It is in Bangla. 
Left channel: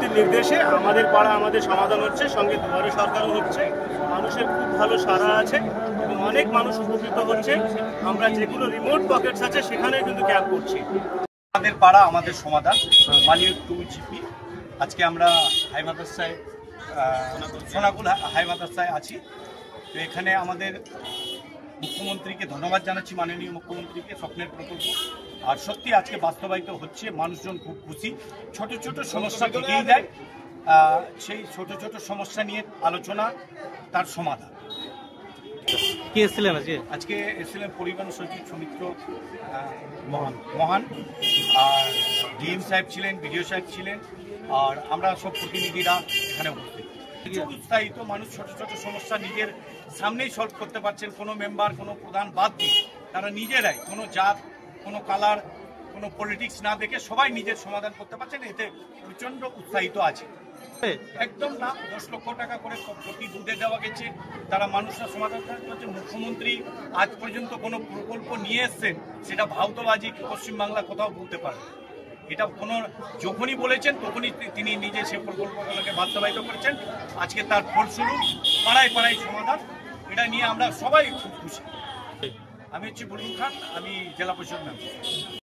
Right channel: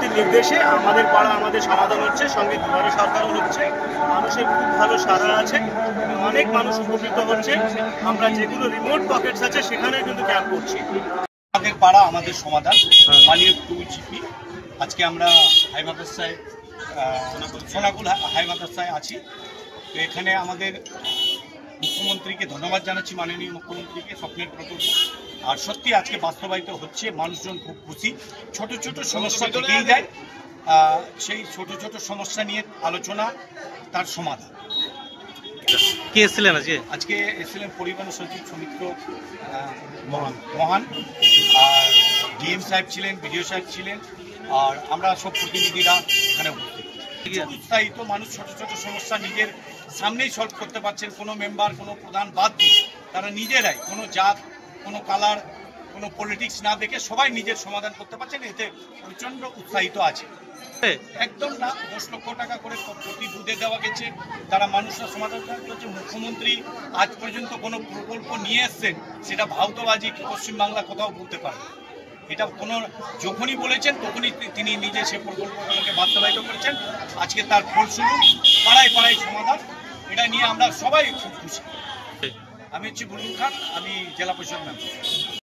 মুখ্যমন্ত্রীর নির্দেশে আমাদের পাড়া আমাদের সমাধান হচ্ছে, সঙ্গে দুয়ারে সরকারও হচ্ছে। মানুষের খুব ভালো সাড়া আছে, অনেক মানুষ উপকৃত হচ্ছে। আমরা যেগুলো রিমোট পকেটস আছে সেখানে কিন্তু ক্যাম্প করছি। আমাদের পাড়া আমাদের সমাধান, মাননীয় 2GP। আজকে আমরা হাই মাদ্রাসায় সোনাকুল হাই মাদ্রাসায় আছি। তো এখানে আমাদের মুখ্যমন্ত্রীকে ধন্যবাদ জানাচ্ছি, মাননীয় মুখ্যমন্ত্রীকে, স্বপ্নের প্রকল্প আর সত্যি আজকে বাস্তবায়িত হচ্ছে। মানুষজন খুব খুশি। ছোট ছোট সমস্যা থেকেই যায়, সেই ছোট ছোট সমস্যা নিয়ে আলোচনা, তার সমাধান। কে এসেছিলেন আজকে এসেছিলেন পরিবহন সচিব সৌমিত্র মহান, আর ডিএম সাহেব ছিলেন, বিডিও সাহেব ছিলেন, আর আমরা সব প্রতিনিধিরা এখানে উপস্থিত। উৎসাহিত মানুষ ছোট ছোট সমস্যা নিজের সামনেই সলভ করতে পারছেন। কোনো মেম্বার, কোনো প্রধান বাদ দিয়ে তারা নিজেরাই, কোনো জাত, কোনো কালার, কোনো পলিটিক্স না দেখে সবাই নিজের সমাধান করতে পারছেন। এতে প্রচণ্ড উৎসাহিত আছে। একদম না, 10 লক্ষ টাকা করে প্রতি বুথে দেওয়া গেছে, তারা মানুষরা সমাধান করছে। মুখ্যমন্ত্রী আজ পর্যন্ত কোনো প্রকল্প নিয়ে এসছেন, সেটা ভাউতবাজি পশ্চিমবাংলা কোথাও বলতে পারে। এটা কোনো যখনই বলেছেন তখনই তিনি নিজে সে প্রকল্পগুলোকে বাস্তবায়িত করেছেন। আজকে তার ফলস্বরূপ পাড়ায় পাড়ায় সমাধান, এটা নিয়ে আমরা সবাই খুব খুশি। আমি হচ্ছি বুলবুল খান, আমি জেলা পরিষদ মেম্বার।